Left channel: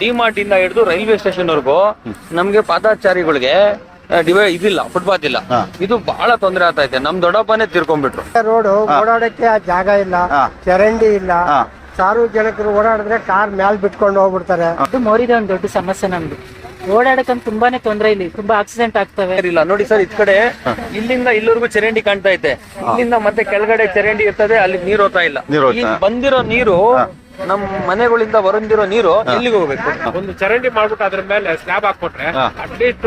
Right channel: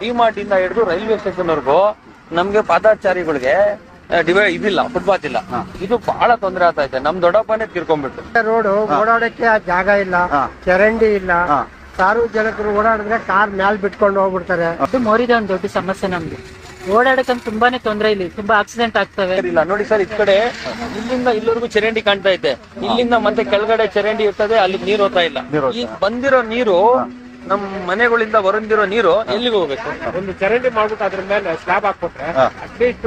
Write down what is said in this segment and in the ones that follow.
ಡಿಮಾರ್ಟ್ ಇಂದ ಹಿಡಿದು railway station ವರೆಗೂ ನಮ್ಗೆ ಪಾದಚಾರಿಗಳಿಗೆ ಇದಿಲ್ಲ, ಫುಟ್ಪಾತ್ ಇಲ್ಲ. ಇದು ಬಹಳ ತೊಂದರೆ ಆಗ್ತಾ ಇದೆ. ನಮ್ ದೊಡ್ಡಪ್ಪನೇ ತಿರ್ಕೊಂಡ್ಬಿಟ್ರು. ರೋಡ್ ಓಡಾಡಕ್ಕೆ ಜಾಗ ಇಲ್ಲ, ಚರಂಡಿ ಇಲ್ಲ. ಸಾರ್ವಜನಿಕರು ಓಡಾಡಿದ್ರೆ ಕಾರ್ ಮ್ಯಾಲ್ ಬಿಟ್ಕೊಂಡು ಹೋಗ್ಬಿಡ್ತಾರೆ. ಅದು ಮೋರಿದ ಒಂದು ದೊಡ್ಡ ಸಮಸ್ಯೆ ನಮ್ದು. ಓಡಾಡಕ್ಕಂತ ತುಂಬಾನೇ ತೊಂದರೆ, ಇಲ್ಲಿ ತುಂಬಾ ಆಕ್ಸಿಡೆಂಟ್ ಆಗ್ತವೆ. ಇಲ್ಲ ನೋಡಿ ಸರ್, ಇದ್ ಕಡೆ ಇಲ್ಲಿಂದ ಇಲ್ಲಿವರೆಗೂ ಚರಂಡಿ ಕಾಣ್ತಾ ಇದೆ. ಇಲ್ಲಿಂದ ಮತ್ತೆ ಕೆಳಗಡೆ ಚರಂಡಿ ಇರ್ತದೆ, ಅಲ್ಲಿ ನೀರು ಹೋಗ್ತಾ ಇಲ್ಲ. ಈಗ ಬಂದಿರೋ ನೀರು ನಮ್ ಮನೆಗಳಿಂದ ಹೊರಂದಿರೋ ನೀರು ಎಲ್ಲಿಗೆ ಹೋಗ್ಬೇಕು? ಒಂದು ಚರಂಡಿ ಮಾಡ್ಬಿಟ್ಟು ಅದ್ರ ಮೇಲೆ ಸ್ಲಾಬ್ ಹಾಕ್ಬಿಟ್ರೆ ಅಟ್ಲೀಸ್ಟ್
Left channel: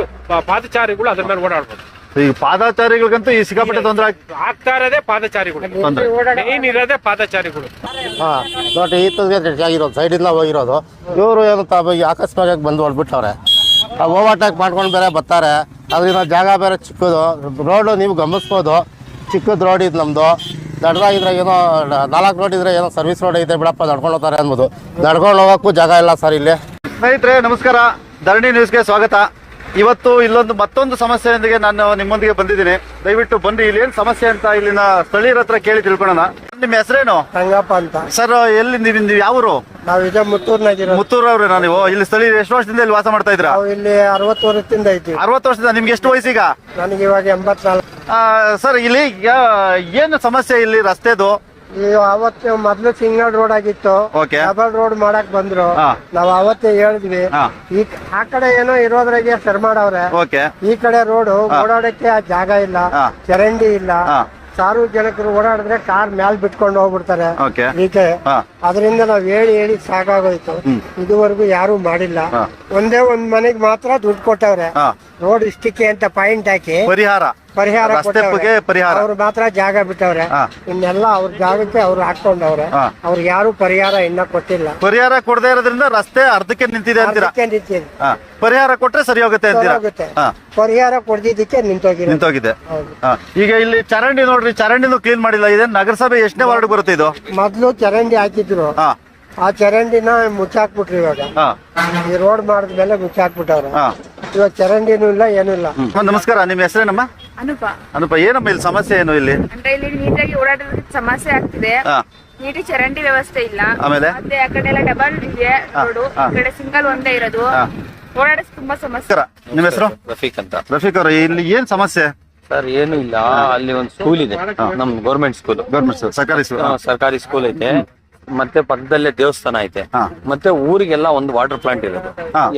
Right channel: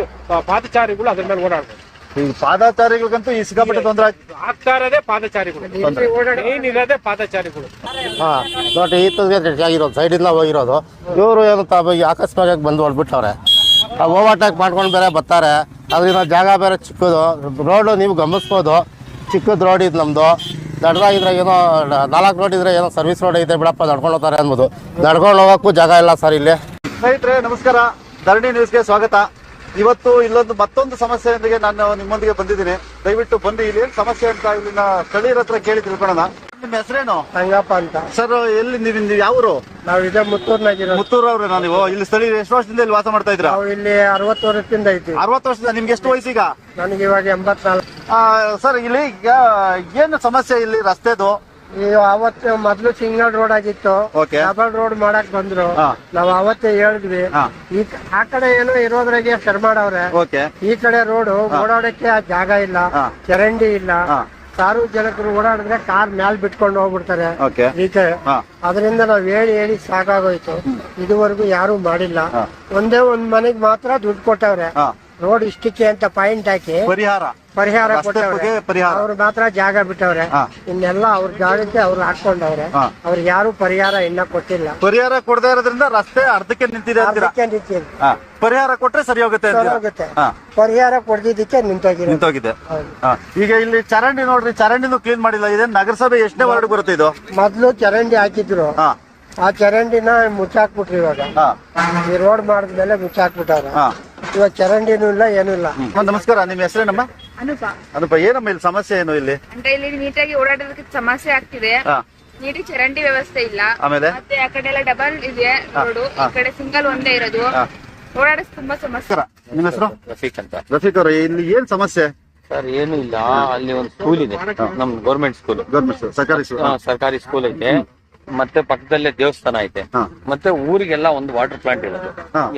ಪಾದಚಾರಿಗಳು ಅದ್ರ ಮೇಲೆ ಓಡಾಡ್ಬೋದು. ಈಗ ಪಾದಚಾರಿಗಳಿಗಂತೂ ಈ ಸಿಕ್ಕಾಪಟ್ಟೆ ತೊಂದರೆ ಆಗ್ತಾ ಇರೋದೇ ಪಾದಚಾರಿಗಳು, ಮೇನ್ ಇರೋದೇ ಪಾದಚಾರಿಗಳು. ನೋಡಿ ಆಗಿರೋದು ಸೈಡ್ ಇಂದ ಹೋಗಿರೋದು. ಇವರು ಏನು ಅಕಸ್ಮಾತ್ ಬಂದು ಹೊಡ್ಬಿಟ್ಟವ್ರೆ. ಓವರ್ಟೇಕ್ ಮಾಡ್ಕೊಂಡು ಬೇರೆ ಬರ್ತಾರೆ. ಅದರಿಂದ ಜಾಗ ಬೇರೆ ಚಿಕ್ಕದು. ರೋಡು ನೀವು ಗಮನಿಸ್ಬೋದು, ಚಿಕ್ಕದ ರೋಡ್ ಇದು ನಮ್ದು. ದೊಡ್ಡದಾಗಿದ್ರೆ ಏನೋ 4 ರೋಡ್ ಇದ್ರೆ ಏನೋ ಸರ್ವಿಸ್ ರೋಡ್ ಐತೆ ಬಿಡಪ್ಪ, ನಡ್ಕೊಂಡು ಹೋಗ್ತಾರೆ ಅನ್ಬೋದು. ನಡ್ಕೊಂಡು ಹೋಗೋಕ್ಕೂ ಜಾಗ ಇಲ್ಲ ಸರ್ ಇಲ್ಲಿ. ಸ್ನೇಹಿತರೆ ನಮಸ್ಕಾರ, ಧರಣಿ ನ್ಯೂಸ್ಗೆ ಸ್ವಾಗತ. ಇವತ್ತು ಇಲ್ಲೊಂದು ಮತ್ತೊಂದು ಸಮಸ್ಯೆಯೊಂದಿಗೆ ನಾನು ನಿಮ್ಮೊಂದಿಗೆ ಬಂದಿದ್ದೀನಿ. ದಯವಿಟ್ಟು ಬಂದು ಇಲ್ಲಿ ಏನ್ ಸಮಸ್ಯೆ ಅಂತ ಇಲ್ಲಿನ ಸ್ಥಳೀಯರ ಹತ್ರ ಕೇಳಿ ತಿಳ್ಕೊಳ್ಳೋಣ. ನಿಮ್ಮ ಹೆಸರೇನು? ಸಂಗಪ್ಪ ಅಂತ. ಸರ್ ಎಲ್ಲಿ ನೀವು ಯಾವರು? ನಾವು ಈಗ ಮುತ್ತೂರ್ನಾಗಿರೋ. ಮುತ್ತೂರವ್ರೆ. ನೀವು ಇಲ್ಲಿ ಸ್ಥಳೀಯ ಎಷ್ಟು ವರ್ಷದಿಂದ ಇಲ್ಲಿ ವಾಸ ಮಾಡ್ತಾ ಇದ್ರ? ನಾವು ಇಲ್ಲಿ 60 ವರ್ಷದಿಂದ ಇದ್ದೀವಿ. 60 ವರ್ಷದಿಂದ. ನಿಮ್ಗೆ ಎಷ್ಟು ವಯಸ್ಸೀಗ? ನನಗೆ ಇವಾಗ 84. ಸರ್ ಇಲ್ಲಿ ಏನು ಸಮಸ್ಯೆ ಇಲ್ಲಿ ರಸ್ತೆದು? ಅವತ್ತು ಮೊದ್ಲು ಸಿಂಗಲ್ ರೋಡ್ ಆಗಿತ್ತು, ಡಬಲ್ ರೋಡ್ ಮಾಡಕ್ ಬಂದ್ರು. ನಾವ್ ಅವತ್ತೇ ಹೇಳಿದ್ವಿ, ಆ ಕಡೆ ಏನೋ ಇರೋದ್ರಾಗೆ ಶರ್ ಮಾಡವ್ರೆ. ಈ ಕಡೆ ರೋಡ್ ಓಡಾಡಕ್ಕೆ ಜಾಗ ಇಲ್ಲ, ಚರಂಡಿ ಇಲ್ಲ. ಸಾರ್ವಜನಿಕರು ಓಡಾಡಿದ್ರೆ ಕಾರ್ ಮ್ಯಾಲ್ ಬಿಟ್ಕೊಂಡು ಹೋಗ್ಬಿಡ್ತಾರೆ. ಅದರಿಂದ ನಾವ್ ಹೇಳಿ ಸಾಕಾಗೋಯ್ತು. ಇದುವರೆಗೂ ಯಾರು ಮಾಡಿಲ್ಲ. ಒಂದೇ ಒಂದ್ ಮನೆಗ್ ಮಾತ್ರ ದುಡ್ಡು ಕೊಟ್ಟವ್ರೆ. ರೋಡ್ ಇಷ್ಟಕ್ಕೆ ಅಂತ ಪಾಯಿಂಟ್ ಹಾಕಿ ಪರಿಹಾರ ಕೊಟ್ಟವ್ರೆ. ಅವ್ರು ಮಾತ್ರ ಜಾಗ ಬಿಟ್ಟವ್ರೆ. ಇನ್ನೆಲ್ಲ ಅವ್ರ ಜಾಗಕ್ಕೆ ಅವ್ರು ಹಾಕೊಂಡವ್ರೆ. ಅವ್ರಿಗೆ ಯಾರು ಪರಿಹಾರ ಇನ್ನ ಕೊಟ್ಟಿಲ್ಲ. ಪರಿಹಾರ ಕೊಡದೇ ಇರೋದ್ರಿಂದ ರಸ್ತೆ ಅರ್ಧಕ್ಕೆ ನಿಂತಿದೆ. ಪರಿಹಾರ ಕೊಟ್ರೆ ಸರಿ ಹೋಗುತ್ತೆ. ಪರಿಹಾರ ಕೊಡ್ದಿದ್ದಕ್ಕೆ ನಿಂತೋಗಿದೆ. ಈಗ ಇಲ್ಲಿ ಚರಂಡಿ ನೋಡ್ರಿ, ಚರಂಡಿನೂ ಕ್ಲೀನ್ ಮಾಡಿಲ್ಲ. ಇದೇನು ನಗರಸಭೆ ಎಷ್ಟನೇ ವಾರ್ಡ್ ಬರುತ್ತೆ ಇದು? ಮೊದ್ಲು ಚರಂಡಿ ಹಾಕಿದ್ರು, ಆ ಚರಂಡಿನ ಮುಚ್ಚಾಕ್ಬಿಟ್ರಿ. ಇವಾಗ ಈ ರೋಡ್ ಮಾಡಿದ್ಮೇಲೆ ಮುಚ್ಚಾಕ್ಬಿಟ್ಟವ್ರೆ. ಇವಾಗ ಚರಂಡಿನೂ ಇಲ್ಲ, ಏನೂ ಇಲ್ಲ. ನಮಸ್ಕಾರ, ನಿಮ್ಮ ಹೆಸರೇನಮ್ಮ? ಅನುಪ. ಏನಮ್ಮ ಇಲ್ಲಿ ಸಮಸ್ಯೆ ಏನು? ಇಲ್ಲಿ ಅಂದ್ರೆ ಇಲ್ಲಿ ನೀಟಾಗಿ ಓಡಾಡೋದಕ್ಕೆ ಸಮಸ್ಯೆ ಆಗ್ತಿದೆ. ನೀಟಿ ಚರಂಡಿ ವ್ಯವಸ್ಥೆ ಇಲ್ಲ. ಮತ್ತೆ ಆ ಕಡೆ ಎಲ್ಲ ಡಬಲ್ ಇದೆ ರೋಡು, ಈ ಕಡೆ ಸಿಂಗಲ್ ಒಂದೇ ಇರೋದು. ಓಡಾಡೋಕೆ ತುಂಬಾ ಸಮಸ್ಯೆ. ನಿಮ್ಮ ಹೆಸರು? ರಫೀಕ್ ಅಂತ. ರಫೀಕ್ ಅವ್ರ, ಇಲ್ಲಿ ಏನ್ ಸಮಸ್ಯೆ? ಸರ್ ಏನು ಇಲ್ಲ, ಅಲ್ಲಿ ಒಂದು ಸ್ಕೂಲ್ ಇದೆ, ನಮ್ ಗೌರ್ಮೆಂಟ್ ಸ್ಕೂಲ್. ಸರ್ಕಾರಿ ಸ್ಕೂಲ್ ಐತೆ. ಮತ್ತೆ ಪಕ್ಕದಲ್ಲೇ ದೇವಸ್ಥಾನ ಐತೆ. ಮತ್ತೆ ಊರಿಗೆಲ್ಲ ಒಂದು ವಾಟರ್ ಪ್ಲಾಂಟ್ ಇರೋದು.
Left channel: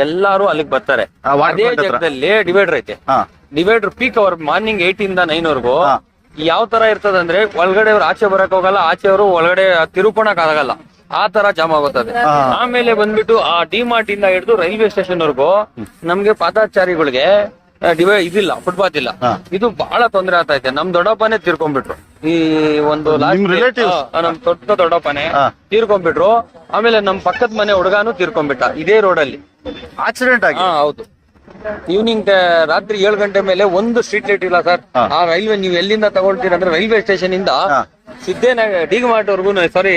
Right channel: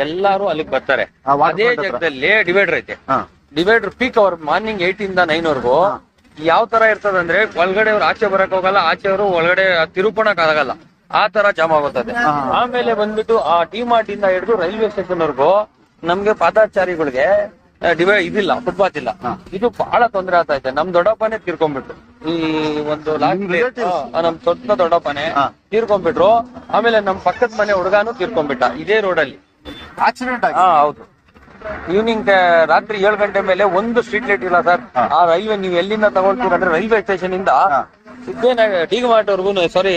ಎಲ್ಲಾರು ಅಲ್ಲಿಗೆ ಬರ್ತಾರೆ. ಅದೇ ಜಾಗದಲ್ಲಿ ಡಿವೈಡರ್ ಐತೆ. ಡಿವೈಡರ್ ಪೀಕ್ ಅವರ್ ಮಾರ್ನಿಂಗ್ 8 ಇಂದ 9 ವರೆಗೂ ಯಾವ ತರ ಇರ್ತದಂದ್ರೆ, ಒಳಗಡೆ ಅವ್ರು ಆಚೆ ಬರಕ್ ಹೋಗಲ್ಲ, ಆಚೆ ಅವರು ಒಳಗಡೆ ತಿರುಪಣಕ್ ಆಗಲ್ಲ. ಆ ತರ ಜಾಮ್ ಆಗುತ್ತದೆ. ಆಮೇಲೆ ಬಂದ್ಬಿಟ್ಟು ಆ ಡಿಮಾರ್ಟ್ ಇಂದ ಹಿಡಿದು ರೈಲ್ವೆ ಸ್ಟೇಷನ್ ವರೆಗೂ ನಮ್ಗೆ ಪಾದಚಾರಿಗಳಿಗೆ ಇದಿಲ್ಲ, ಫುಟ್ಪಾತ್ ಇಲ್ಲ. ಇದು ಬಹಳ ತೊಂದರೆ ಆಗ್ತಾ ಇದೆ. ನಮ್ ದೊಡ್ಡಪ್ಪನೇ ತಿರ್ಕೊಂಡ್ಬಿಟ್ರು. ಈ ಒಂದು ನಮ್ ದೊಡ್ಡಪ್ಪನೇ ತೀರ್ಕೊಂಡ್ಬಿಟ್ರು. ಆಮೇಲೆ ನಮ್ ಪಕ್ಕದ ಮನೆ ಹುಡುಗಾನು ತೀರ್ಕೊಂಡ್ಬಿಟ್ಟ ಇದೇ ರೋಡಲ್ಲಿ. ಆಕ್ಸಿಡೆಂಟ್ ಆಗಿ. ಹೌದು. ಈವ್ನಿಂಗ್ ರಾತ್ರಿ 7 ಗಂಟೆ ಮೇಲೆ ಒಂದು ಸ್ಟ್ರೀಟ್ ಲೈಟ್ ಇಲ್ಲ ಸರ್. ಆ ರೈಲ್ವೆ ನೀವು ಎಲ್ಲಿಂದ ತಗೊಳ್ತೀರ ಅಂದ್ರೆ ರೈಲ್ವೆ ಸ್ಟೇಷನ್ ಇಂದ ಡಿಮಾರ್ಟ್ ವರ್ಗು, ಸಾರಿ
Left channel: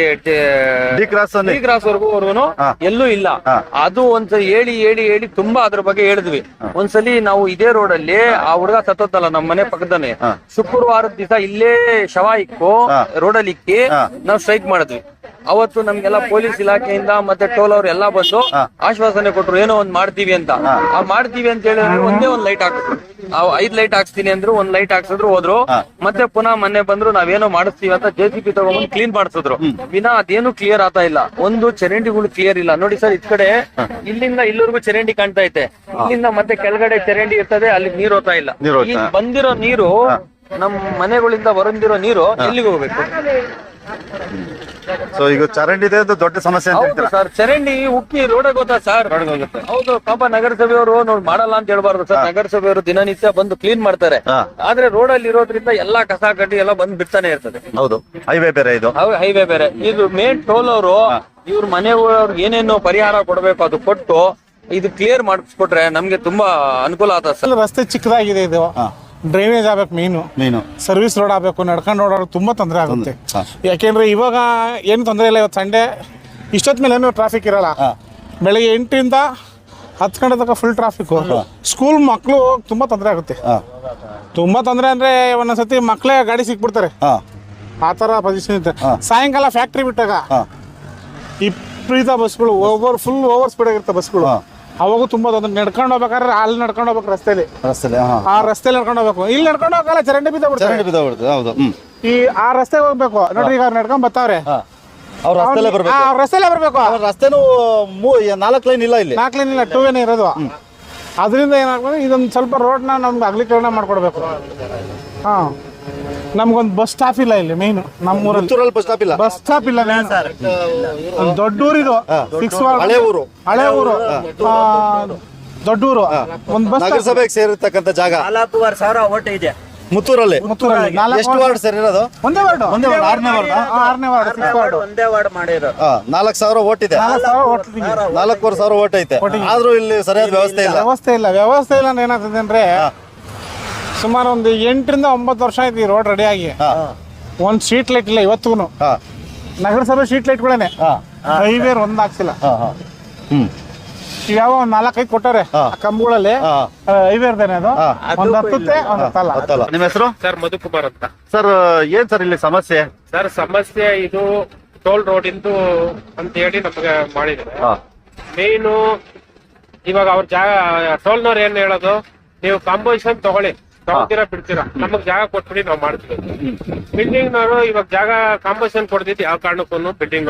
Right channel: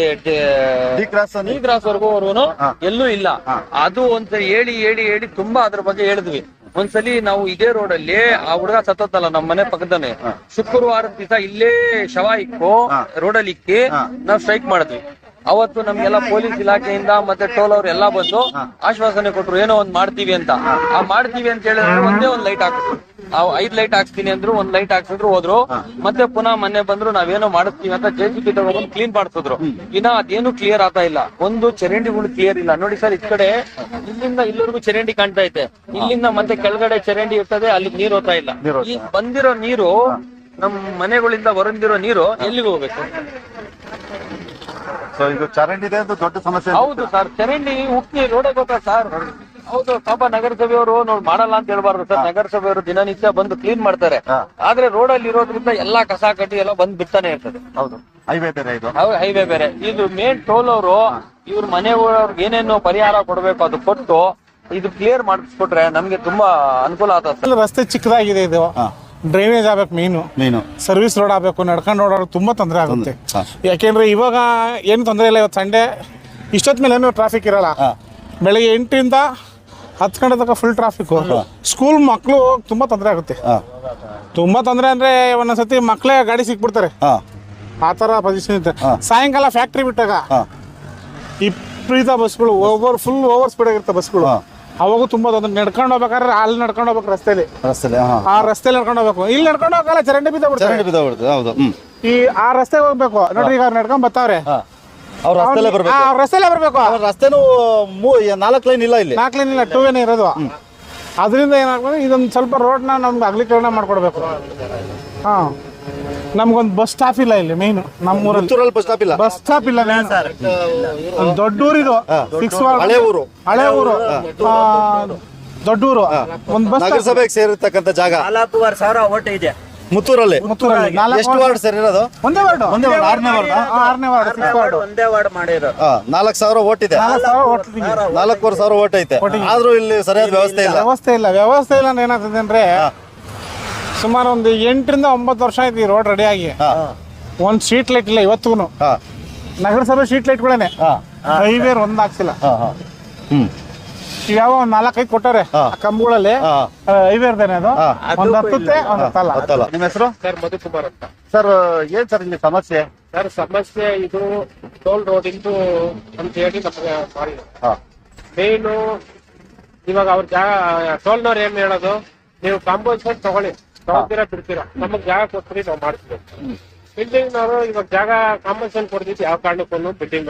ಡಿ ಕ್ರಾಸ್ ವರ್ಗು ಎಲ್ಲೂ ಇಲ್ಲ. ಅದು ಒಂದ್ಸಲಿ ಹೇಳಿ ತುಂಬಾ ಅದ್ರ ಬಗ್ಗೆ ಹೇಳಿದ್ವಿ. ಒಂದ್ಸಲಿ ನಾವು ಇದೇ ರೋಡ್ ಅಲ್ಲಿ ಆ ಹುಡುಗ ಸತ್ತೋತ್ತಲ್ಲ ನಮ್ಮ ಮನೆ ಪಕ್ಕದನೆ, ಶುಕ್ರವಾರದ ದಿವಸ ಇಲ್ಲೇ ಶವ ಇಕ್ಕು ರೋಡಲ್ಲಿ ಇಕ್ಕಿ ನಾವು ಸ್ಟ್ರೈಕ್ ಮಾಡಿದ್ವಿ. ಅವತ್ತು ನಮ್ಗೆಲ್ಲ ಪೊಲೀಸ್ ಇಲಾಖೆಯಿಂದ ಮತ್ತೆ ಟೋಲ್ ಅವ್ರು ಎಲ್ಲಾ ಬಂದು ಆಶ್ವಾಸನೆ ಕೊಟ್ರು, ಏನೋ ಒಂದ್ ಮಾಡ್ತೀವಿ ಅಂತ. ಆ ಮಾಡ್ತೀವಿ ಅಂತ ಹೇಳಿದ್ರೆ ಒಂದೇ ಒಂದ್ ಲೈಟ್ ಹಾಕಿದ್ರು. 5 ಲೈಟ್ ಹಾಕ್ಸ್ತೀನಿ ಅಂದ್ರು, 1 ಲೈಟ್ ಹಾಕ್ಸಿದ್ರು, ಹೋದ್ರು. ಮತ್ತೆ ಪುನಃ ಮೊನ್ನೆ ಬಂದ್ರು, ನಾವೇನೋ ಮಾಡಿಸ್ತೀವಿ ಅಂತ JCB ತಗೊಂಡ್ಬಂದು ಕ್ಲೀನ್ ಮಾಡಿಸಿದ್ರು. ವಿನಾ ಅದೇನು ಕ್ಲಿಯರ್ ಆಗ್ತಾ ಇಲ್ಲ. ಒಂದು ಚರಂಡಿಗಳು ಕ್ಲಿಯರ್ ಇಲ್ಲ. ನೋಡಿ ಸರ್, ಇದ್ ಕಡೆ ಇಲ್ಲಿಂದ ಇಲ್ಲಿವರೆಗೂ ಚರಂಡಿ ಕಾಣ್ತಾ ಐತೆ. ಇಲ್ಲಿಂದ ಮತ್ತೆ ಕೆಳಗಡೆ ಚರಂಡಿ ಇರ್ತದೆ, ಅಲ್ಲಿ ನೀರು ಹೋಗ್ತಾ ಇಲ್ಲ. ಈಗ ಬಂದಿರೋ ನೀರು ನಮ್ ಮನೆಗಳಿಂದ ಹೊರಂದಿರೋ ನೀರು ಎಲ್ಲಿಗೆ ಹೋಗ್ಬೇಕು? ಸೊ ಈಗ ಚರಂಡಿ ಇದೆ ಅಂತ ದೊಡ್ಡ ಸಮಸ್ಯೆ. ಹೌದು ಸರ್, ಚರಂಡಿ ಉಕ್ಕಿ ರೋಡ್ ಹೋಗುತ್ತಾ ಸರ್? ಹೌದು. ಪಾಪ ನಗರಸಭೆಯವರು ಮಾಡಲ್ಲ ಅಂತ ಹೇಳ್ಬಾರ್ದು ಸರ್. ನಗರಸಭೆಯವರು ದಿನನಿತ್ಯ ಬಂದು ಕ್ಲೀನ್ ಮಾಡ್ತಾರೆ. ಆದ್ರೆ ರೋಡ್ ಅಲ್ಲಿ ಇರೋದ್ರಿಂದ ಎಲ್ಲಾ ಕಸ ಕಡ್ಡಿ ಎಲ್ಲ ಬಂದ್ ಬಿಡ್ತಾನೆ ಇರ್ತದೆ. ಹೌದು, ಹೈವೇ ಬೇರೆ ಇದು. ಹೈವೇ ಬೇರೆ ಇದು. ಮೇನ್ ಟೋಲ್ ಅವರು ಇವ್ರ ಮನೆಯವ್ರಿಗೆ ಏನೇನು ಪರಿಹಾರ ಕೊಡ್ಬೇಕು ಅದು ಕೊಟ್ಟು ಇದು ಕ್ಲಿಯರ್ ಮಾಡಿಸ್ಕೊಟ್ರೆ ನಮ್ಗೆ ತುಂಬಾ ಅನುಕೂಲ ಆಗ್ತದೆ ಸರ್. ರಸ್ತೆ ಚಿಕ್ಕದಾಗಿದೆ, ಇದು ಡ್ರೈನೇಜ್ ಆಗ್ಬೇಕು, ಮೇನು ಸರ್ವಿಸ್ ರೋಡ್ ಆಗ್ಬೇಕು. ನಡ್ಕೊಂಡು ಓಡಾಡೋಕೆ ತುಂಬಾ ತೊಂದರೆ ಆಗುತ್ತೆ. ಯಾಕೆಂದ್ರೆ ಇವಾಗ ಏನು ತೊಂದರೆ ಇಲ್ಲ. ಇವತ್ತು ಸಂಡೇ ಇಷ್ಟೊತ್ತ ಮೇಲೆ ಏನು ಟ್ರಾಫಿಕ್ ಇರಲ್ಲ. ಬೆಳಗ್ಗೆ 8 ರಿಂದ 10 ಗಂಟೆ ತನಕ ಫುಲ್ ಟ್ರಾಫಿಕ್. ಸ್ಕೂಲ್ ಮಕ್ಕಳು ತುಂಬಾ ತೊಂದರೆ ಆಗುತ್ತೆ. ತುಂಬಾ ತೊಂದರೆ ಅಂದ್ರೆ ಒಂದೊಂದ್ಸತಿ ಮಕ್ಕಳೇ ಗಾಡಿ ಸಿಕ್ಬಿಡ್ತಾರೆ. ಆ ತರ ಪೊಸಿಷನ್ ಇದೆ. ಸಾಯಂಕಾಲ ಫ್ಯಾಕ್ಟ್ರಿ ಬಿಟ್ಟಾಗ ವಿಪರೀತ ಬಸ್ಗಳು ಫುಲ್ ಓವರ್ ಸ್ಪೀಡ್ ಆಗಿರುತ್ತೆ ಬಸ್ಗಳು. ಅವಾಗೂ ತುಂಬಾ ತೊಂದರೆ. ನಡ್ಕೊಂಡು ಹೋಗ್ಬೇಕಾದ್ರೆ ಅಲ್ಲಿ ನಡ್ಕೊಂಡು ಹೋಗ್ಬೇಕು ರಸ್ತೆಲಿ. ಆ ರಸ್ತೆಲಿ ನಡ್ಕೊಂಡು ಹೋಗ್ಬೇಕು. ಇಲ್ಲಿ ನಡ್ಕೊಂಡು ಹೋಗಲ್ಲ, ಚರಂಡಿ ಬಿದ್ದೋಗ್ಬಿಡ್ತಾರೆ. ಹೌದು. ಈ ಆ ರಸ್ತೆ ಹೋಗ್ಬೇಕು ನೋಡ್ರಿ. ಈಗ ನಡ್ಕೊಂಡ್ ಬರ್ತಾವ್ರೆ, ಅವ್ರ ರಸ್ತೆಲ್ಲೇ ಬರ್ಬೇಕು. ರಸ್ತೆಲೇ ಬರ್ಬೇಕು. ರಸ್ತೆನೂ 4 ಲೈನ್ ಇಲ್ಲ ಇಲ್ಲಿ. 4 ಲೈನ್ ಇಲ್ಲ, 2 ವೇನೇ ಇರೋದು. ಅದರಿಂದ ಏನಾಗ್ತದೆ, ಇದೊಂದು ಸ್ವಲ್ಪ ರೋಡ್ನ ನಮ್ಗೆ ಅಗಲೀಕರಣ ಮಾಡ್ಕೊಡ್ಬೇಕು. ಹಾ, ನಮ್ಗೊಂದು ಬಸ್ ಸ್ಟಾಪ್ ಇಲ್ಲ ಇಲ್ಲಿ. ಮೇನ್ ನಮ್ಮೂರಲ್ಲಿ ಬಸ್ ಸ್ಟಾಪ್ ಇಲ್ಲ. ಬಸ್ ಸ್ಟಾಪ್ ಇಲ್ಲ. ದೊಡ್ಡ ಊರಿದು, ಹಳೆ ಊರು. ದೊಡ್ಡ ಊರು. ಒಂದು ಬಸ್ ನಗರಸಭೆಗೆ ಸೇರಿರ್ತಕ್ಕಂಥ ಜಾಗ 4,500 ಓಟ್ ಇದೆ ಮುತ್ತೂರಲ್ಲಿ. ಎಷ್ಟು ವಾರ್ಡ್ ಸೇರಿರೋದು? ಒಂದೇ ವಾರ್ಡ್. 6ನೇ ವಾರ್ಡ್. 6ನೇ ವಾರ್ಡ್. ಒಂದೇ ವಾರ್ಡ್ ಮಾಡಿರೋ. 4,000 ಓಟ್ ಇದೆ. 4,500 ಓಟ್ ಐತೆ. ಆದ್ರೂ ಇಲ್ಲಿ ಸರಿಯಾದ ವ್ಯವಸ್ಥೆ ಇಲ್ಲ. ವ್ಯವಸ್ಥೆ ಇಲ್ಲ ಅಂದ್ರೆ ಏನಾಗ್ತದೆ ಅಂದ್ರೆ, ಸುಮಾರು ಒಂದು 8 ರಿಂದ 9 ವರ್ಷ ಆಯ್ತು ಈ ರೋಡ್ ರೆಡಿ ಆಗಿ. ಒಂದ್ ಸ್ಟ್ರೀಟ್ ಲೈಟ್ ಇಲ್ಲ ಇವತ್ತು. ನಗರಸಭೆ ಸ್ಟ್ರೀಟ್ ಲೈಟ್ಗಳೇನೆ, ಹೈವೇ ಒಂದ್ ಹಾಕ್ಸಿಲ್ಲ. ಯಾವ 4-5 ಕೊಟ್ಟಾರೆ ಕಂಬಗಳಲ್ಲಿ. ಹೈವೇ ಇರ್ದೇನೆ ಅದು, ಒಂದ್ ಹತ್ತುತ್ತೆ, ಒಂದ್ ಹತ್ತಲ್ಲ. ನಿಮ್ಮ ಹೆಸರು? ಸರ್ ಮಧುಕುಮಾರ್ ಅಂತ. ಸರ್ ಏನ್ ಸರ್ ಇಲ್ಲಿ ಸಮಸ್ಯೆ? ಸರ್ ಸಮಸ್ಯೆ ಇದು ಟೋಲ್ ರೋಡ್ ಇಂದು ಅಂತ ಹೇಳಿ ನಮಗೆ ಮಾಡಿದ್ದಾರೆ. ಮೇನು ಇವಾಗ ಅವ್ರ ಜಾಗ ಟೋಲ್ನವ್ರು ಏನ್ ಹೇಳೋದು, ನೀವು ಕಾಂಪೋಸಿಷನ್ ತಗೊಳ್ತೀರಾ ಬಿಡ್ತೀರಾ, ನಮಗ್ ಜಾಗ ಕೊಟ್ಬಿಡಿ ನಾವು ಮಾಡ್ತೀವಿ. ಬಿಲ್ಡಿಂಗ್ ನವರು ಇವಾಗ ಜಾಗ ಕಾಂಪೋಸಿಷನ್ ಕೊಡ್ತಿದ್ದು ಯಾವ ಕಾರಣಕ್ಕೂ ಬಿಲ್ಡಿಂಗ್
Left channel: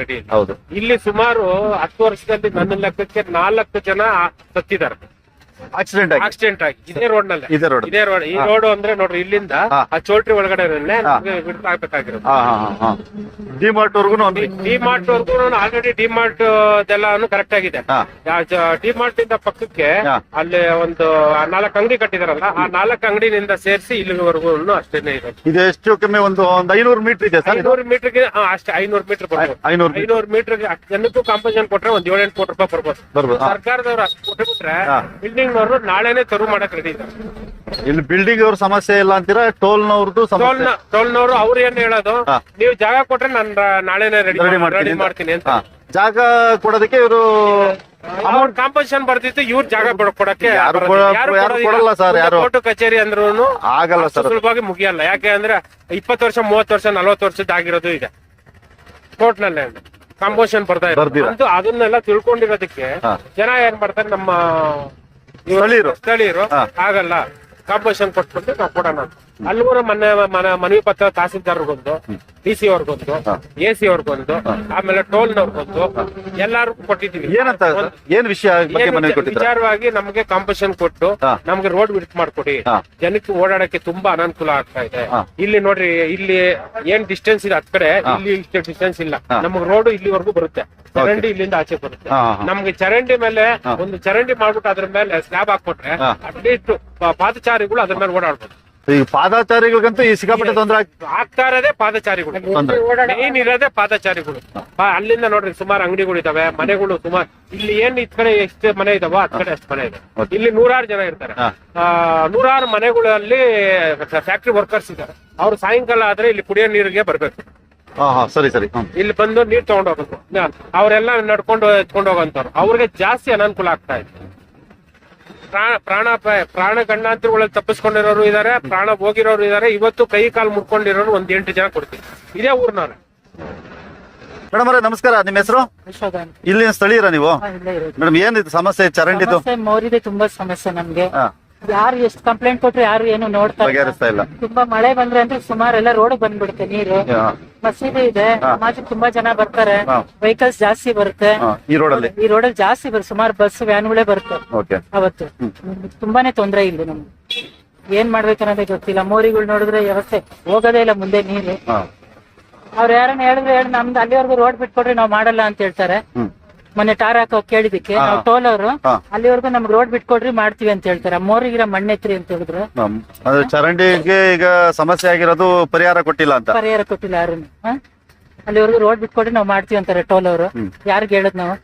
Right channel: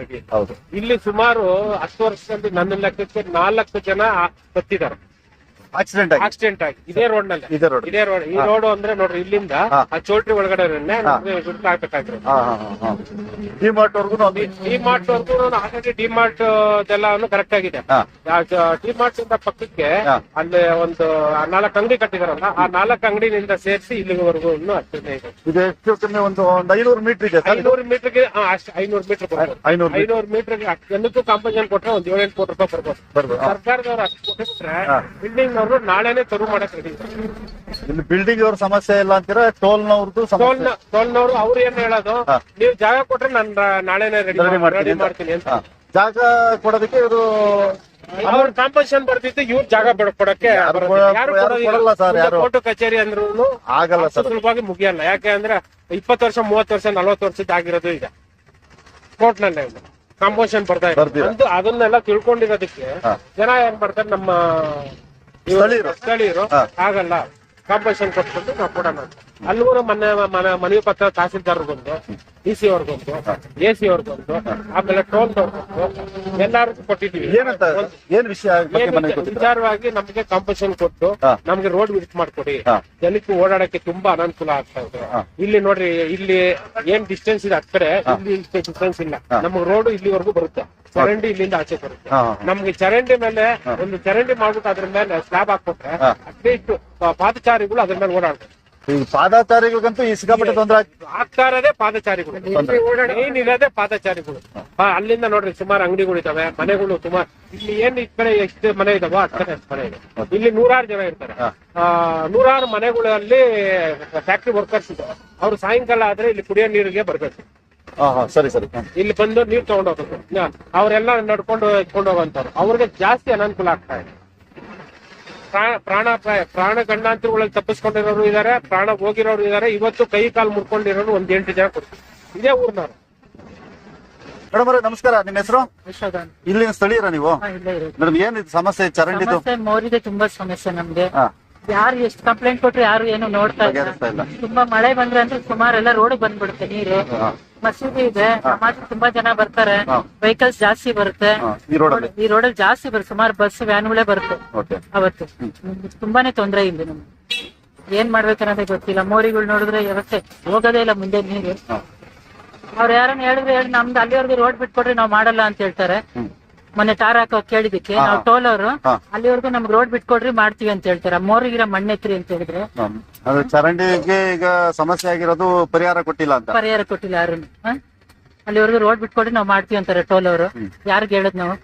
ರೆಡಿ. ಹೌದು. ಇಲ್ಲಿ ಸುಮಾರು 10 ವರ್ಷದಲ್ಲಿ ನನ್ನ ಲೆಕ್ಕಕ್ಕೆ 4 ಜನ ಸತ್ತಿದ್ದಾರೆ ಆಕ್ಸಿಡೆಂಟ್ ಆಗಿ ಇದೇ ರೋಡ್ ನಲ್ಲಿ. ಇದೇ ರೋಡ್. ಈ ರೋಡ್ ಅಂದ್ರೆ ನೋಡ್ರಿ, ಇಲ್ಲಿಂದ ಆ ಚೋಲ್ಟ್ರಿ ಒಳಗಡೆ ಆಗ್ಬೇಕಾಗಿರೋದು. ಡಿಮಾರ್ಟ್ ವರ್ಗು ಆಲ್ರೆಡಿ ಡಿಮಾರ್ಟ್ ಎಲ್ಲಾನು ಕರೆಕ್ಟ್ ಆಗಿದೆ. ಡಿಮಾರ್ಟ್ ಇಂದ ಪಕ್ಕಕ್ಕೆ ಅಲ್ಲಿ ಒಂದು 4 ಅಂಗಡಿ ಕಟ್ಟಿದಾರಲ್ಲ, ಆ 4 ಅಂಗಡಿನಿಂದ ಸೇರಿಸಿ ಇಲ್ಲಿವರೆಗೂ ಅಷ್ಟೇನೆ ಇದೆ. ಇದು ಎಷ್ಟು ಕಮ್ಮಿ ಒಂದು 500 ಮೀಟರ್ ಇದೆ. 500 ಮೀಟರ್ಗೆ ಅಷ್ಟೇ 500 ಮೀಟರ್ ಬರ್ಬೋದು. 500 ಮೀಟರ್ಗೆ ಜನಕ್ಕೂ ಕಾಂಪೋಸಿಷನ್ ಕೊಟ್ರೆ ಒಂದು 7-8 ಕೋಟಿ ರೂಪಾಯಿ ಬರ್ಬೋದು. ಸರ್ಕಾರದವ್ರು ಅಷ್ಟು ಕೊಟ್ಟರೆ ಬಿಲ್ಡಿಂಗ್ ನವರು ನಾಳೆನೆ ತೆರವು ಮಾಡಕ್ ರೆಡಿ ಇದ್ದಾರೆ. ಇಲ್ಲಿ ಬಿಲ್ಡಿಂಗ್ ಅವ್ರ ಸಮಸ್ಯೆ ಇಲ್ಲ ಅಂತೀರಾ? ಟೋಲ್ನವ್ರದ್ದು ಟೋಲ್ನವರು ಅವ್ರು ಏನ್ ಹೇಳೋದು, ನೀವು ಜಾಗ ಕೊಟ್ರೆ ನಾನು ನಾಳೆನೆ ರೆಡಿ ಮಾಡ್ತೀನಿ ಅಂತ. ಜಾಗ ಕೊಡೋದಕ್ಕೆ ಇವರು ಅವ್ರ ಕಾಂಪೋಸಿಷನ್ ಬರ್ತಿತ್ತು, ಇವ್ರ ಜಾಗ ಕೊಡಕ್ಕೆ ಕೋರ್ಟ್ ಕಚೇರಿ ಅಂದ್ರೂ ಆಗಲ್ಲ, ಸುಲಭವಾಗಿ ಮುಗಿಯಲ್ಲ. ಯಾಕೆ ಅಂದ್ರೆ 20 ವರ್ಷ 30 ವರ್ಷ 40 ವರ್ಷದ ಆಗಿರೋದು ಇದೆ ಕೋರ್ಟ್ ನಲ್ಲಿ. ಕಾಂಪೋಸಿಷನ್ ಬರ್ತಾ ಇರೋದು ಅದನ್ನೆಲ್ಲ ತಿಳ್ಕೊಂಡಿರೋದಕ್ಕೆ ಜನ ಏನ್ ಮಾಡ್ತಾರೆ, ನಮ್ಮ ಸ್ಥಳೀಯರು ಆಗಲ್ಲ ಕಾಂಪೋಸಿಷನ್ ಕೊಟ್ಬಿಟ್ಟು ನಾವು ಕೊಡೋಣ ಅಂತ. ಅಲ್ಲಿಗೂ ಮನವಿ ಪತ್ರ ತಹಸೀಲ್ದಾರ್ಗೊಂದು, DC ಅವ್ರಿಗೊಂದು, AC ಅವ್ರಿಗೊಂದು, ಆಮೇಲೆ ಟೋಲ್ನವ್ರಿಗೊಂದು ಎಲ್ಲಾರ್ಗು ಕೊಟ್ಟಿದೀವಿ. ಏನ್ ವಿಷಯ ವಿಚಾರವಾಗಿ ನಮ್ಗೆ ಕಾಂಪೋಸಿಷನ್ ಕೊಟ್ಟು ನಮ್ಗೆ ರೋಡ್ ಬಿಟ್ ಮಾಡ್ಕೊಡಿ, ಜನಕ್ಕೆ ಓಡಾಡಕ್ಕೆ ತುಂಬಾ ಅನಾನುಕೂಲ ಆಗ್ತಾ ಇದೆ. ಇಲ್ಲಿ ನೋಡ್ರಿ, ಇಲ್ಲಿ ಏನ್ ಡಿಸ್ಟೆನ್ಸ್ ಇದೆ, ಹತ್ ಕಡೆ ಇಲ್ಲಿ ಡಿಸ್ಟೆನ್ಸ್ ಇಲ್ಲ. ನಮ್ಗೆ ರೋಡ್ ಇಲ್ಲಿವರೆಗೂ ಬರುತ್ತೆ, ಚರಂಡಿ ಇಲ್ಲಿಂದ ಆಚೆ ಬರುತ್ತೆ. ನಮ್ಗೆ ಚರಂಡಿ ಮೇಲೆ ಒಂದು ಚರಂಡಿ ಮಾಡ್ಬಿಟ್ಟು ಅದ್ರ ಮೇಲೆ ಸ್ಲ್ಯಾಬ್ ಹಾಕೊಟ್ರೆ ಅಟ್ಲೀಸ್ಟ್ ಪಾದಚಾರಿಗಳು ಅದ್ರ ಮೇಲೆ ಓಡಾಡ್ಬೋದು. ಈ ಪಾದಚಾರಿಗಳಿಗಂತೂ ಈ ಸಿಕ್ಕಾಪಟ್ಟೆ ತೊಂದರೆ ಆಗ್ತಾ ಇರೋದೇ ಪಾದಚಾರಿಗಳು. ಏನಿರೋದೇ ಪಾದಚಾರಿಗಳು. ಅಲ್ಲಿಂದ ನೋಡ್ರಿ ಸುಮಾರು ಅಂಗಡಿಗಳು ಇದಾವೆ, ಮನೆಗಳು ಸುಮಾರು. ಇಲ್ಲಿ ಏನ್ ಇದ್ ಕಡೆ ಎಷ್ಟು ಮನೆ ಇದಾವೋ ಅದ್ ಕಡೆ ಅಷ್ಟು ಮನೆ ಇದೆ. ಇಲ್ಲಿ 100 ಜನ ಇರ್ತಾರೆ. 100 ಮನೆಗಳಲ್ಲಿ ಫ್ಯಾಕ್ಟ್ರಿ ವರ್ಕರ್ಸ್ ಇದಾವೆ. ಅವ್ರು ಸಾಯಂಕಾಲ ಆದ್ರೆ ಇಲ್ಲಿ ಕುಡಿಯೋ ನೀರಿಗೆ ಬರ್ಬೇಕು. ಸರಿ. ಇಲ್ಲಿ ಬಂದು ನೀರ್ ತಗೊಂಡ್ ಹೋಗ್ಬೇಕು. ಅವರೆಲ್ಲ ನಡ್ಕೊಂಡು ಎತ್ಕೊಂಡು ಹೋಗಂತವ್ರು. ಅವ್ರಿಗೆ ಜಾಸ್ತಿ ಅನಾನುಕೂಲ ಆಗ್ತಾ ಇದೆ. ಪ್ರಾಣ ಗಂಡಾಂತರಗಳಲ್ಲಿ ತಪ್ಪಿಸ್ಕೊಂಡಿರೋರು ಇದಾರೆ, ಪ್ರಾಣ ಹೋಗಿರೋರು ಇದಾರೆ. ಇವತ್ತು ಕೈ ಕಾಲು ಮುರ್ಕೊಂಡಿರೋರು 8 ಜನ ಕೊಡ್ತೀವಿ. ಇದೇ ಊರ್ನವ್ರೆ. ಮೇಡಮ್ ಅವರೇ ನಮಸ್ಕಾರ. ನಿಮ್ಮ ಹೆಸರು? ಇಲ್ಲಿನ ಸ್ಥಳೀಯರ ನೀವು? ಮೇಡಮ್ ಏನಿದೆ ಸಮಸ್ಯೆ? ಚರಂಡಿದು ಮೋರಿಗೆ ತುಂಬಾ ಸಮಸ್ಯೆ ನಮ್ಗೆ. ಯಾರು ಎಷ್ಟು ಕಂಪ್ಲೇಂಟ್ ಕೊಟ್ರು ಯಾರು ಏನು ನೋಡ್ತಾ ಇಲ್ಲ. ತುಂಬಾ ಮಳೆ ಬಂದ್ರೆ ಅಂದ್ರೆ ಸುಮಾರು ಎಲ್ಲ ರೋಡ್ ಬಂದ್ಬಿಡುತ್ತೆ ನೀರು. ಮಸೀದಿ ಇದೆ, ಸಮಾಜಕ್ಕೆ ತುಂಬಾ ಜನ ಬರ್ತಾರೆ, ವೆಹಿಕಲ್ಸ್ ಜಾಸ್ತಿ ಬರುತ್ತೆ ಈ ರೋಡಲ್ಲಿ ಜಾಸ್ತಿ ಬರುತ್ತೆ. ಸುಮಾರು ಬಸ್ ವ್ಯಾನ್ಗಳೇ ಬರುತ್ತೆ ಅವತ್ತು. ತುಂಬಾನೇ ತೊಂದರೆ ಇಲ್ಲ ನಮ್ಗೆ. ಏನ್ ಮಾಡ್ಬೇಕನ್ನೋದೇ ಗೊತ್ತಿಲ್ಲ. ಮೋರಿಗಳು ನೋಡಿದ್ರೆ ವ್ಯವಸ್ಥೆ ಹೋಗೋದೇ ಇಲ್ಲ ಮುಂದೆ ನೀರು. ಅವ್ರು ಯಾರನ್ನ ಹೇಳಿದ್ರೆ ನಮ್ದು ಅಲ್ಲಿವರೆಗೂ ರೋಡ್ ಬಿಟ್ಕೊಡ್ರಿ ನಾವು ಮಾಡಲ್ಲ ಅಂತ ಹೇಳ್ತಾರೆ. ಮೊನ್ನೆ ಟಾರ್ ಹಾಕೋ ಕೇಳಿದಕ್ಕೆ ನಾವು ಟೋಲ್ ಅವರು ಅಲ್ಲಿವರೆಗೂ ನಮ್ಗೆ ರೋಡ್ ಬಿಟ್ಕೊಡ್ರಿ ಮಾಡ್ತೀವಿ ಅಂತ ಹೇಳ್ತಾರೆ. ಮೋರಿಗಿರ ಮಣ್ಣೆತ್ರಿ ಅಂತ ಹೇಳಿದ್ರು. ಚರಂಡಿಗೆ ಈಗ ಸಮಸ್ಯೆ ಆಗಿರೋದು ಪರಿಹಾರ ಕೊಟ್ಟಿಲ್ಲ ಯಾರು. ಅಲ್ಲಿವರೆಗೂ ರೋಡ್ ಬಿಟ್ಕೊಡ್ರಿ ನಾವು ಮಾಡ್ತೀವಿ ಅಂತಾರೆ ಟೋಲ್ ಅವರು. ಯಾರ್ಗ್ ಹೇಳದ್ ನಾವು?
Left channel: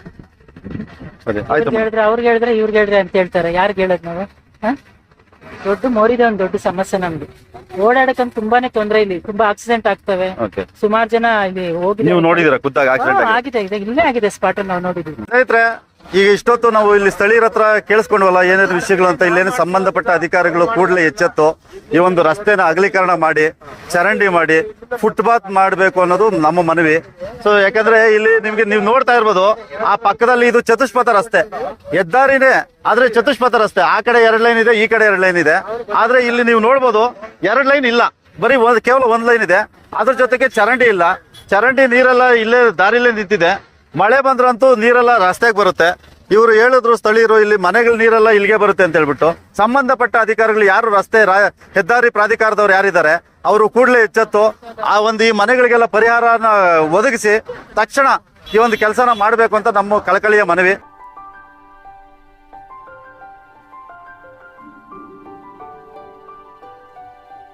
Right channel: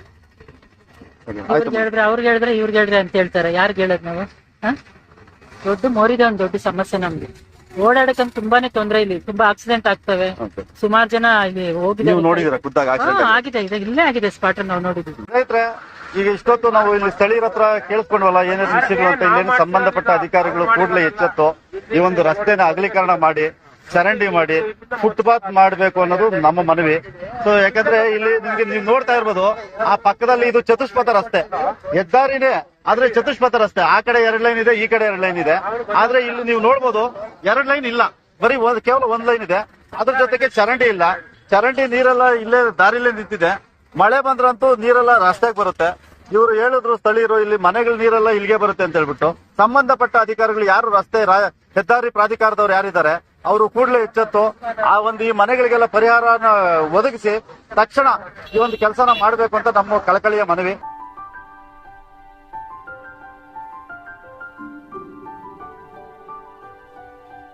ಹೇಳಿದ್ರೆ ಅವ್ರಿಗೆ ಹೇಳಿದ್ರೆ ಇವ್ರಿಗೆ ಹೇಳ್ರಿ ಅಂತ ಹೇಳ್ತಾರೆ. ಯಾರ್ಗ್ ಹೇಳದ್ ನಾವು? ದೊಡ್ಡ ಮೋರಿದೆ ಒಂದು ದೊಡ್ಡ ಸಮಸ್ಯೆ ನಮ್ದು. ಓಡಾಡಕಂತ ತುಂಬಾನೇ ತೊಂದರೆ. ಇಲ್ಲಿ ತುಂಬಾ ಆಕ್ಸಿಡೆಂಟ್ ಆಗ್ತವೆ. ಸುಮಾರು ಜನ ಇಲ್ಲಿ ಹೋಗಿದೆ. ನೋಡಿದ್ರೆ ಆಗಿದೆ, ಇಲ್ಲೇ ಆಗಿದೆ ಸ್ಪಾಟ್ ನಾವು ನೋಡಿದ್ವಿ. ಸ್ನೇಹಿತರೆ, ಈಗ ಇಷ್ಟೊತ್ತು ನಾವು ಇಲ್ಲಿ ಸ್ಥಳೀಯರ ಹತ್ರ ಕೇಳಿಸ್ಕೊಂಡ್ವಲ್ಲ ಏನಾದ್ರು ವಿಷಯಗಳು ಅಂತ, ಇಲ್ಲೇನು ಸಂಬಂಧಪಟ್ಟ ಅಧಿಕಾರಿಗಳು ಕೂಡಲೇ ಎಚ್ಚೆತ್ತು ಈ ಒಂದು ರಸ್ತೆನ ಅಗಲೀಕರಣ ಮಾಡಿ, ಚರಂಡಿ ಮಾಡಿ, ಫುಟ್ಪಾತ್ ಮಾಡಬೇಕು ಅನ್ನೋದು ನಮ್ಮ ಮನವಿ. ಸೊ ಯಾಕಂದ್ರೆ ಇಲ್ಲಿ ನಿಮ್ಗೆ ನೀವು ನೋಡ್ತಾ ಇರ್ಬೋದು, ಆ ಪಕ್ಕದಲ್ಲಿ ಇದು ಚತುಷ್ಪಥ ರಸ್ತೆ, ಹೆದ್ದಾರಿನೇ ಆದ್ರೆ ಚತುಷ್ಪಥ ರಸ್ತೆ. ಆ ಕಡೆ 2 ಲೈನ್ ಇದೆ, ಈ ಕಡೆ 2 ಲೈನ್ ಇದೆ. ಆದ್ರೆ ಇಲ್ಲಿ ನೀವು ನೋಡ್ಬೋದು 2 ಲೈನ್ ಇಲ್ಲ, ಬರೀ ಕೇವಲ 1 ಲೈನ್ ಇದೆ. ಅದ್ರ ಜೊತೆಗೆ ಚರಂಡಿ ಇಲ್ಲ. ಚರಂಡಿ ನೀರೆಲ್ಲ ಇಲ್ಲೇ ದಾರಿಲೇ ನಿಂತಿದೆ. ಮಳೆ ಬಂದ್ರಂತೂ ನೀರೆಲ್ಲ ರಸ್ತೆಗೆ ಬರುತ್ತೆ. ಇವರು ಹೇಳಿದ್ರು ಸ್ಥಳೀಯರು, ಇಲ್ಲಿ ಮನೆಗಳ ನೀರೆಲ್ಲ ಇಲ್ಲಿಗೆ ಬರುತ್ತೆ ಅಂತ ಹೇಳ್ಬಿಟ್ಟು. ಸಂಬಂಧಪಟ್ಟ ಅಧಿಕಾರಿಗಳು ಯಾರು ಹೆದ್ದಾರಿ ಪ್ರಾಧಿಕಾರದವ್ರು ಯಾರಿದ್ದಾರೆ ಅವರು ಕೂಡಲೇ ಎಚ್ಚೆತ್ತು ಈ ಮನೆಗಳಿಗೆಲ್ಲ ಪರಿಹಾರನ ಒದಗಿಸಿ ತಕ್ಷಣ ಈ ಒಂದು ಕೆಲಸನ ಮಾಡಬೇಕು ಅಂತ ನಮ್ಮ ಕಳಕಳಿಯ ಮನವಿ.